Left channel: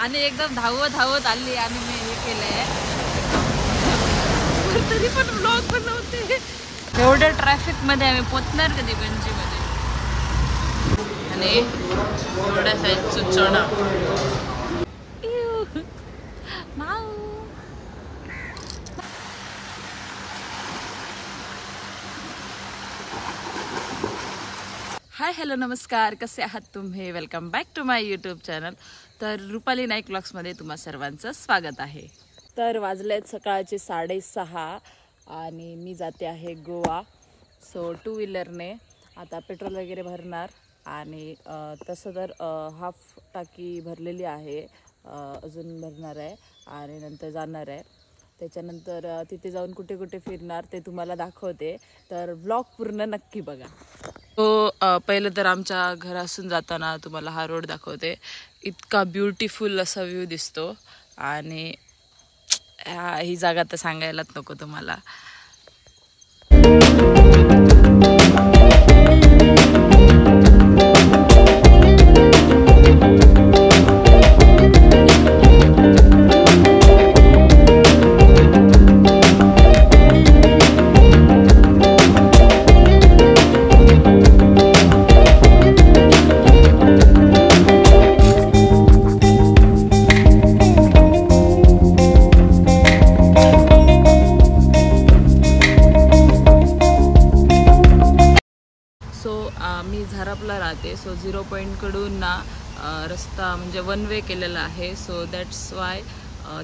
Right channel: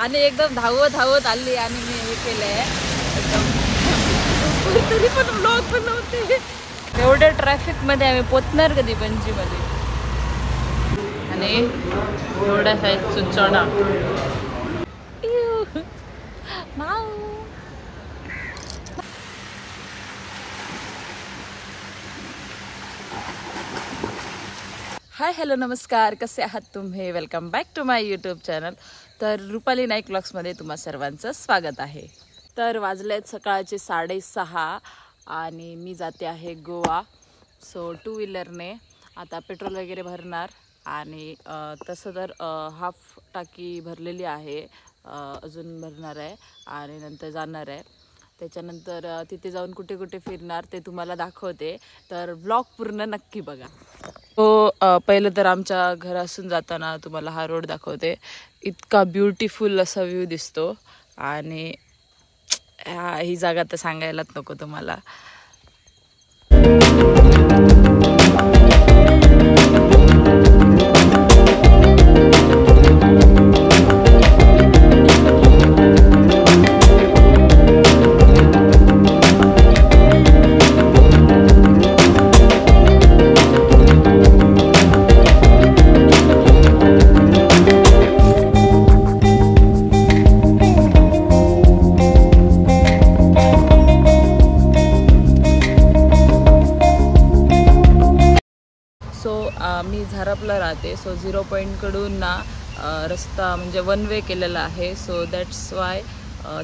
आणि एकदम धावत धावत आली आणि मी हे केलंय तरी पण ब्लॉग बनवते। एवढ्या ट्रॅफिक मध्ये आम्ही पोचणार कधी पणजी मध्ये आणि एवढ्या साईज सुचवणा हाय हॅलो नमस्कार, कसे आहात तुम्ही? Welcome back to my YouTube channel. तर रुपाली नाईक ब्लॉग्समध्ये तुम्हा सर्वांचं स्वागत आहे। तर वाजलेत सकाळचे 6:30 आणि मी जाते आहे गोवा। सो 2 व्हीलरने आता पेट्रोल वगैरे भरणार आणि तसं तर हाफ टाकी भरलेली आहे, अजून भरणार आहे आणि नंतर जाणार आहे। त्याच्यानंतर तिथे जाऊन कुठे कुठे फिरणार ते तुम्हाला दाखवते, तर व्लॉग पूर्ण नक्की बघा। तो पहिलं तर आमच्या घरासून जाताना तुम्हाला हा रोड दाखवते। इतका ब्युटिफुल असा व्ह्यू दिसतो आणि ही जागा तर सांगायलाच नको तुम्हाला। मी झारापला राहते। सो 0 पॉईंट कडून ना रस्ता म्हणजे 1 वे केलेला आहे। सो दॅट्स वाय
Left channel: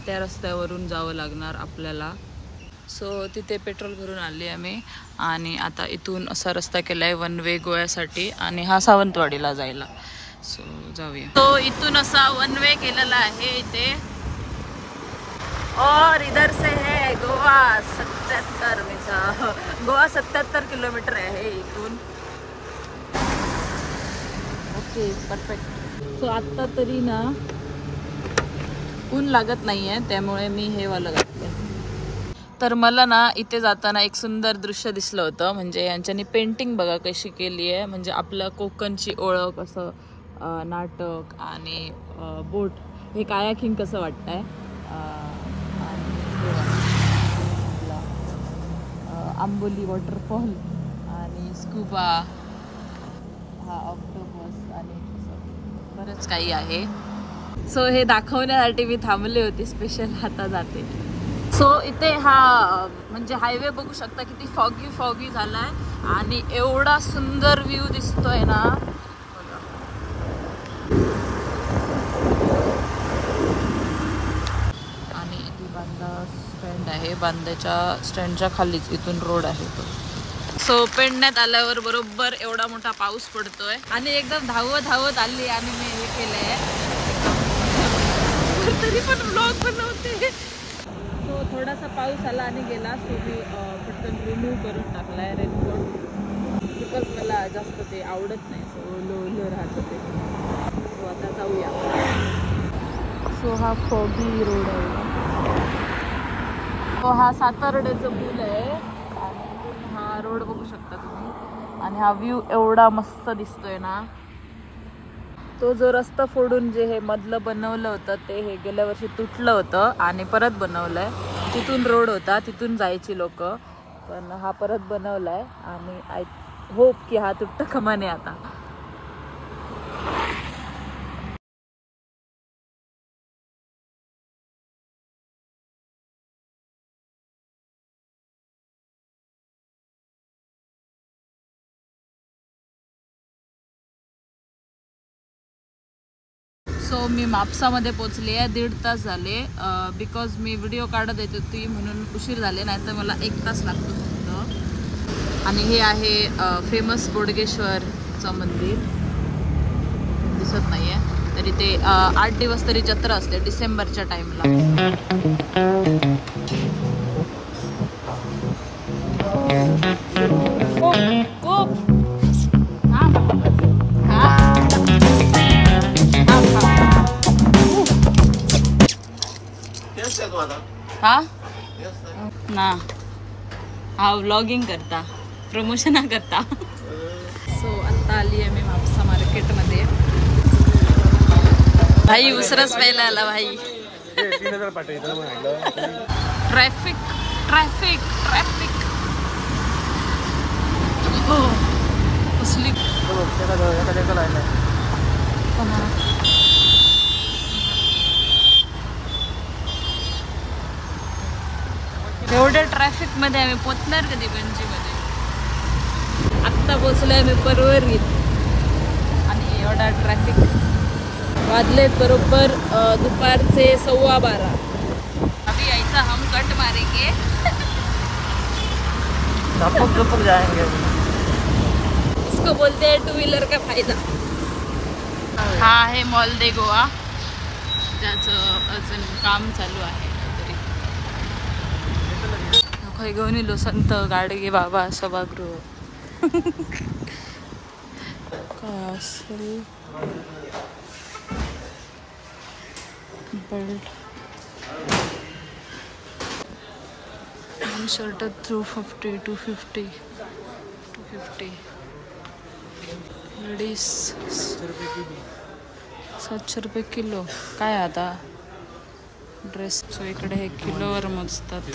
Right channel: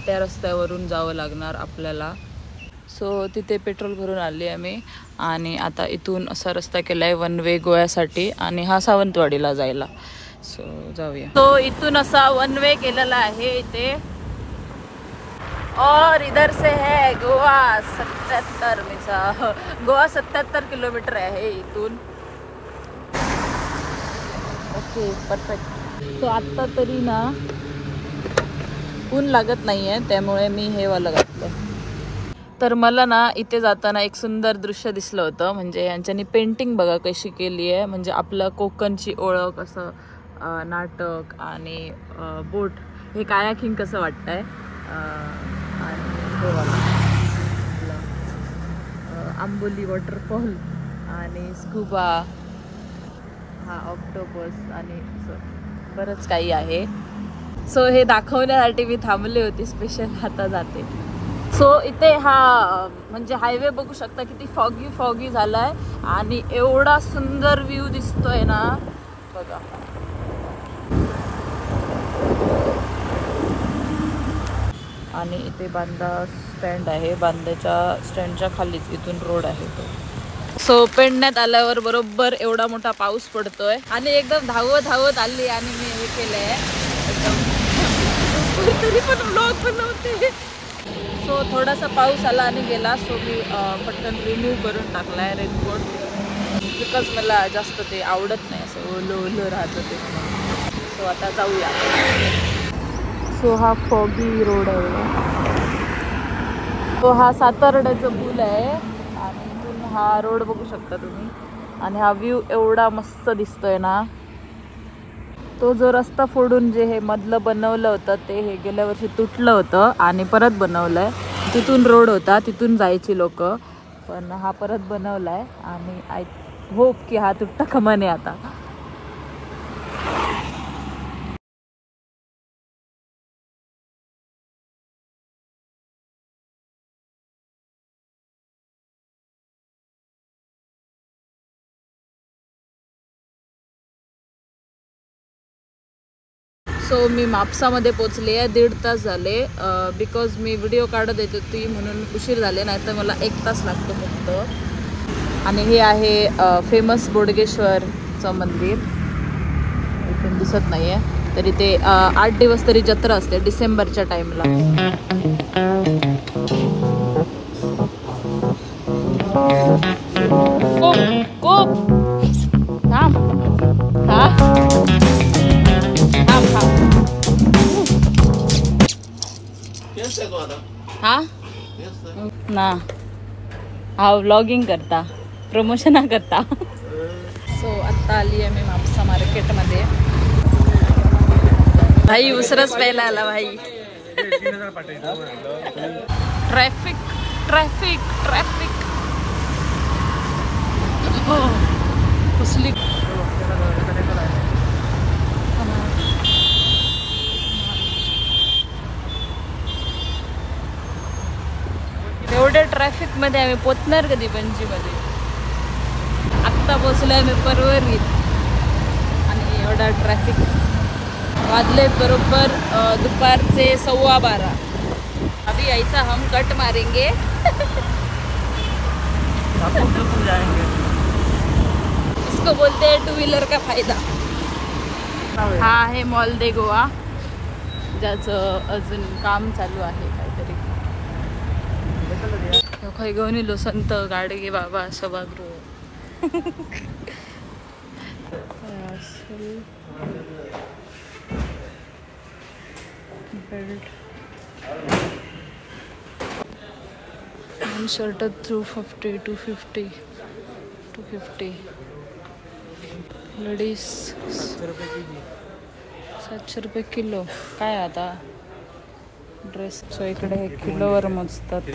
त्या रस्त्यावरून जावं लागणार आपल्याला। सो तिथे पेट्रोल भरून आले आम्ही आणि आता इथून असा रस्ता केलाय 1 वे गोव्यासाठी आणि हा सावंतवाडीला जायला। सो जाऊया। तो इथून असा 1 वे केलेला आहे इथे और इधर से है गोवा 77 गोवा 77 किलोमीटर आहे इथून। Okay perfect. सो आत्ता तरी ना ऊन लागत नाहीये, त्यामुळे मी हे वाला घातलंय। तर मला ना इथे जाताना एक सुंदर दृश्य दिसलं होतं, म्हणजे यांच्यानी पेंटिंग बघा कशी केली आहे, म्हणजे आपलं कोकणची ओळख असं नाटक आणि बोट हे कायाकिंग कसं वाटतंय आणि हे वाला आंबोली वॉटरफॉल आणि स्कूबा हा ऑक्टोपस आणि बरंच काही आहे। सो हे दाखवण्यासाठी मी थांबले होते स्पेशल, आता जाते। सो इथे हा म्हणजे हायवे बघू शकता किती फॉगी फॉगी झालाय आणि एवढा सुंदर व्ह्यू दिसतोय ना बघा। आणि इथे बांदा स्टँड आहे, बांद्याच्या स्टँडच्या खालीच इथून रोड आहे तो। सो पेडण्यात आल्यावर बरोबर एवढा मोठा पाऊस पडतोय आणि एकदम धावत धावत आली आणि मी हे केलंय एकदम तरी पण ब्लॉग बनवते। सो थोडासा पाऊस आला आणि गेला, सो मी पटकन रिमूव्ह करून टाकलाय रेनकोट, बिकॉज मला जास्त ते आवडत नाही असं ओलं ओलं राहतं ते। सो आता जाऊया। सो हा फॉगी रोड आहे, तो हा सातारड्याचा पूल आहे, हा रोड बघू शकता तुम्ही आणि हा व्ह्यू एवढा मस्त दिसतोय ना। तो जो रस्ता फोडून जे हे मधलं बनवलं होतं ते हे गेल्या वर्षी तुटलं होतं आणि परत बनवलंय। तिथून रोड होता, तिथून जायची लोक, पण हा परत बनवलाय आणि आय होप की हा तुटता कामा नये आता। सो मी म्हापसामध्ये पोचले आहे, 1.5 तास झाले, बिकॉज मी व्हिडिओ काढत येत होती म्हणून उशीर झाले, नाहीतर मला 1 तास लागतो फक्त। आणि हे आहे फेमस बोडगेश्वरचं मंदिर, इथून दिसत नाहीये तरी ते 8 दिवस तरी जत्रा असते डिसेंबरच्या टाइमला। हा ना हा व्लॉगिंग करता, प्रमोशन करता। सो आता आली आहे मी म्हापसा मार्केटमध्ये। भाई उसरच प्यायला आला भाई. Traffic traffic traffic. हो कसली एवढ्या ट्रॅफिक मध्ये आम्ही पोचणार कधी पणजी मध्ये. आत्ता पोचलोय आम्ही परवरीत आणि एवढा ट्रॅफिक. वाजले बरोबर दुपारचे 12:15. अभी ऐसा हम कट मारेंगे. इसको बोलते हैं 2 व्हीलर का फायदा. हा आहे मॉल दे गोवा, ज्याचं अजून काम चालू आहे काहीतरी. खय घेऊन येलो संत गाडगे बाबा सभागृह. काय असेल बेल्ट शर्ट 250 250 250. लेडीज 700 रुपये किलो. काय आता ड्रेस सो इकडे हे किलोवर मोजतात.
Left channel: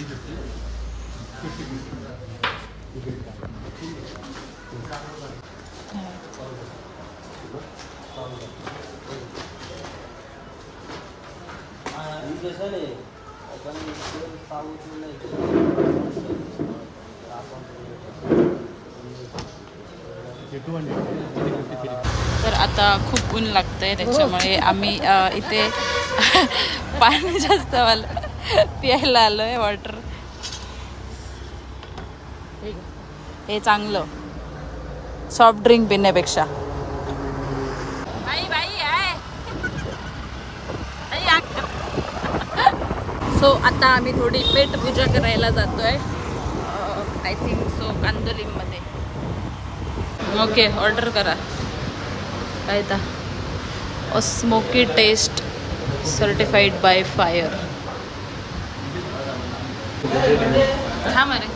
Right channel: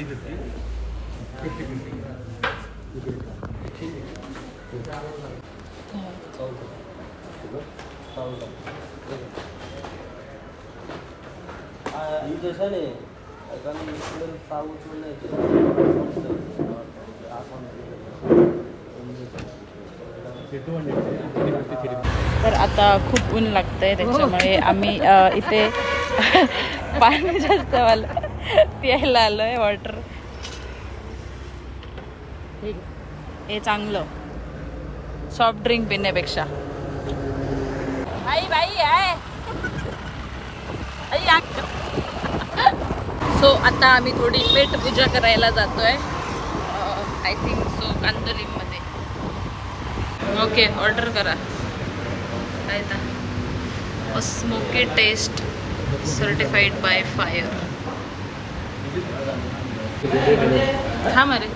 तर आता खूप ऊन लागतंय त्याच्यामुळे आम्ही इथे पाणी जास्त प्यायला आलोय. वॉटर हे चांगलं सॉफ्ट ड्रिंक पिण्यापेक्षा. सो आता आम्ही थोडी पेट पूजा करायला जातोय. आय थिंक सो कांदोलीमध्ये. ओके ऑर्डर करा. काय तर smoky taste certified by fire. हा मारे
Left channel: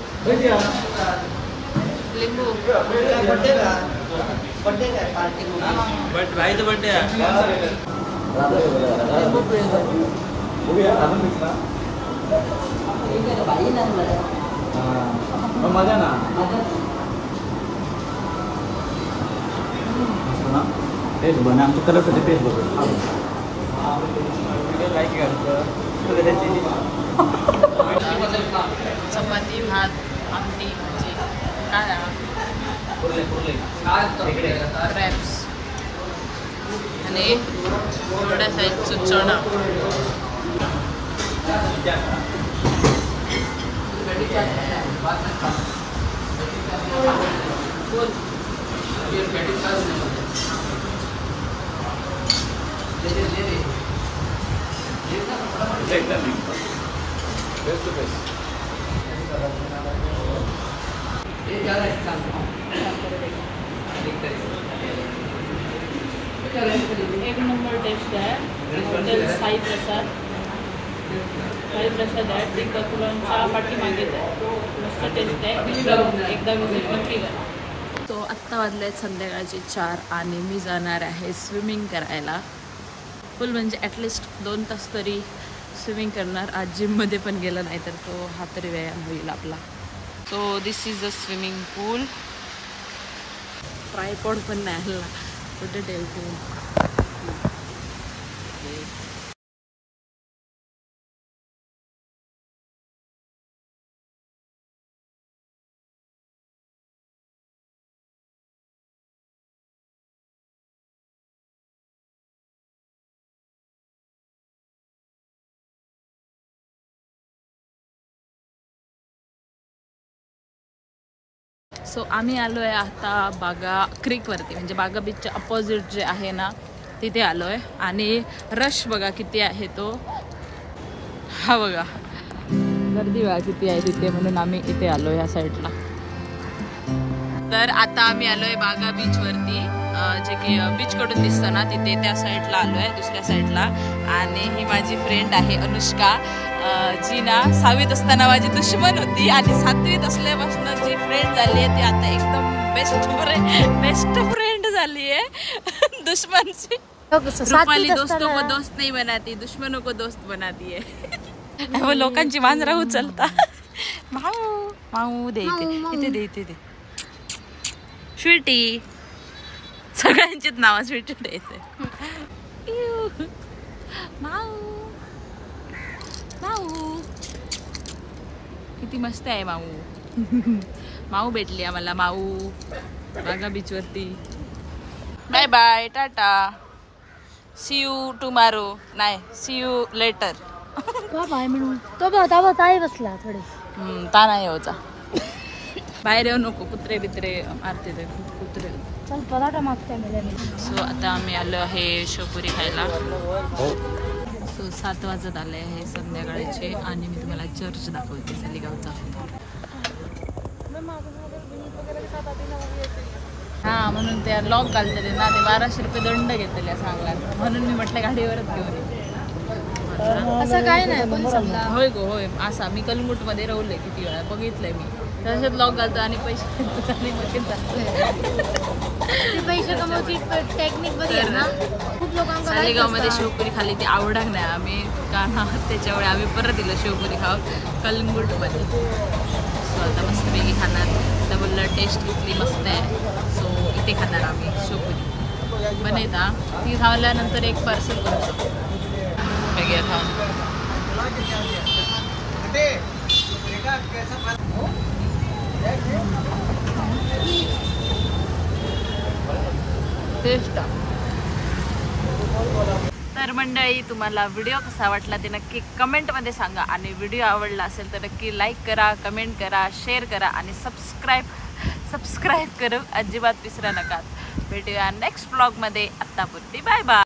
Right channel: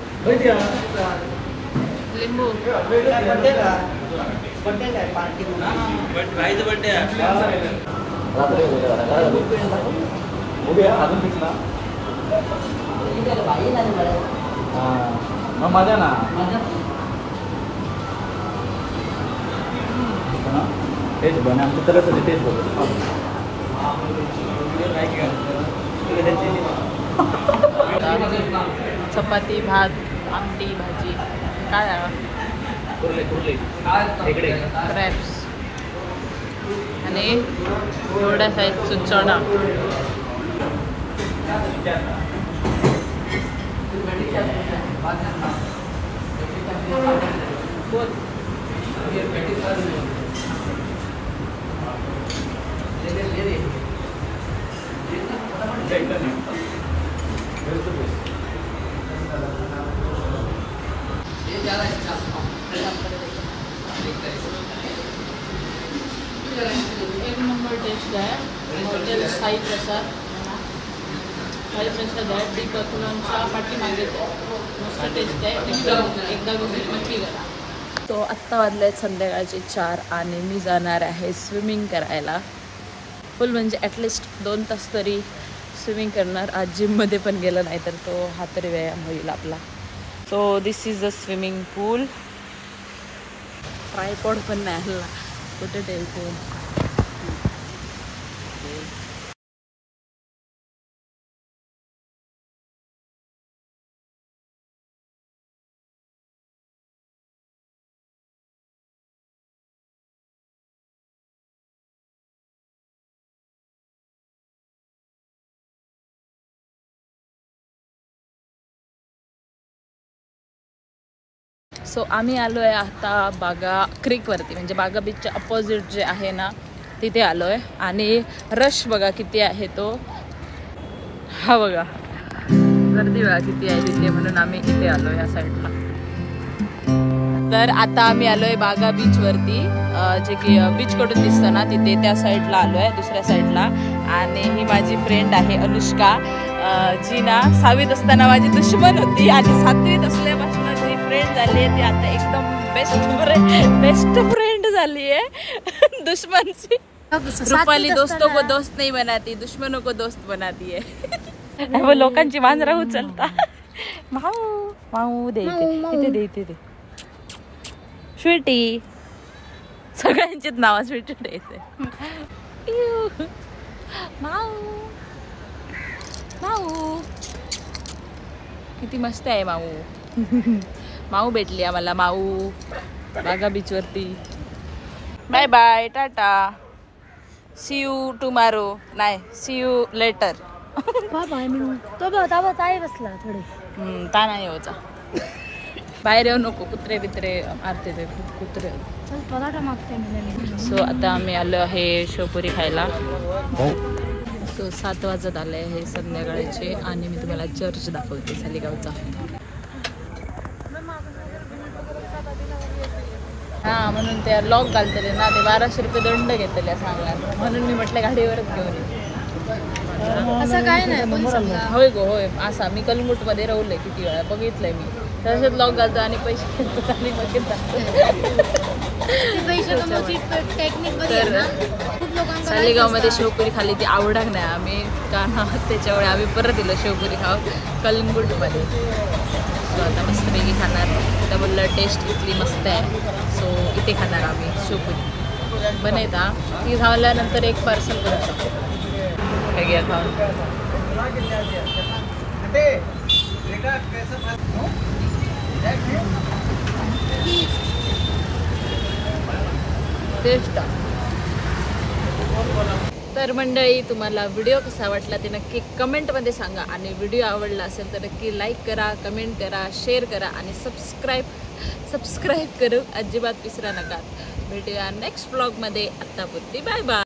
लिंबू. चपाती भात आमटी भाजी. काय क्रॅप्स आणि एवढ्या साईजचं चणा. एक नंबर टेस्ट आहे. हॉटेल साई प्रसाद. साई प्रसाद आहे डिकॉथलॉनच्या पाठीमागेच आहे. मस्त टेस्ट आहे. एकदा विजिट नक्की करा. तो आत्ता वाजले संध्याकाळचे 4 आणि मी जाणार आहे स्विमिंग करायला. फुल म्हणजे ॲटलिस्ट 2 तास तरी स्विमिंग करणार. आज जिममध्ये पण गेला नाही तर तो हा तरी व्यायाम होईल आपला. So this is a swimming pool. Tripod पण नाही हल्ला. कुठे ठेवतो. सो आम्ही आलो आहे आता बागा क्रीकवरती, म्हणजे बागा बीचच्या अपोजिट जे आहे ना तिथे आलो आहे. आणि रश बघा किती आहे तो. हा बघा गर्दी बघा किती आहे तिथे, म्हणून आम्ही इथे आलो ह्या साईडला. तर आता आम्ही आलो आहे बागा बीचवरती, जे की बीचकडून दिसतं ना तिथे त्या साईडला आलो आहे, दुसऱ्या साईडला. आणि ही माझी फ्रेंड आहे अनुष्का, जी ना 6वीत असताना माझी दुश्मन होती आणि 7वीत असल्यापासून जी फ्रेंड झाली आहे ती आता एकदम बेस्ट फ्रेंड झाली आहे दुश्मनची. रुपाली दोस्तों को दोस्त नहीं बनाती, दुश्मनों को दोस्त बनाती है. वो लोकांची मांजरा उचलता. माऊ माऊ दे इथे दे इथे दे. स्वीटी सगळ्यांचीच नाव स्वीटी द्यायचंय. माऊ माऊ किती मस्त आहे माऊ. माऊ भेटली आम्हाला. माऊ बागा बीच वरती. Bye bye tata. See you tomorrow. नाही सी यू लेटर. बाय मिळू तो बताय बसला थोडे. ता नाही होता. बाहेर येऊ नको. कुत्रे बित्रे मारते ते खूप कुत्रे. चल पराठा मागताय मला. सो आता आम्ही आलो आहे शेवपुरी खायला. सो 7 वाजत आले आहे संध्याकाळचे आणि मी तुम्हाला चर्च दाखवते सालिगावचा. हा म्हणून ते लॉक घालतले ना ते 1200 रुपये दंड घेतले सांगणार. म्हणून मी म्हटलं गाडीवरच घेऊन असं काय नाही. होय गो होय. असा मी कलंगूट मध्ये राहुलय किती वेळा बघितलंय मी. तसंच लॉक घालतो आणि पैसे घेतो आणि मग तर सालेगाव मध्ये शेवपुरी खाल्ली ती आवडणार नाही आम्ही का ना त्याच्यामुळे आम्ही परत दिलं शेवपुरी खाऊ कलंगूट मध्ये. सो आता मस्तपैकी खाणार. तर बोललं टेस्ट इथली मस्त आहे सो इथे खाणार आम्ही शेवपुरी. बनयता ती झाल्यानंतर एक पार्सल करूचा घ्या खाऊन. टेस्ट. तर मंडळी तुम्हाला व्हिडिओ कसा वाटला ते नक्की कमेंटमध्ये सांगा आणि व्हिडिओ आवडला असेल तर नक्की लाईक करा, कमेंट करा, शेअर करा आणि सबस्क्राईब करू अजिबात विसरा नका. भेटूया नेक्स्ट ब्लॉगमध्ये. आत्तापुरती बाय बाय.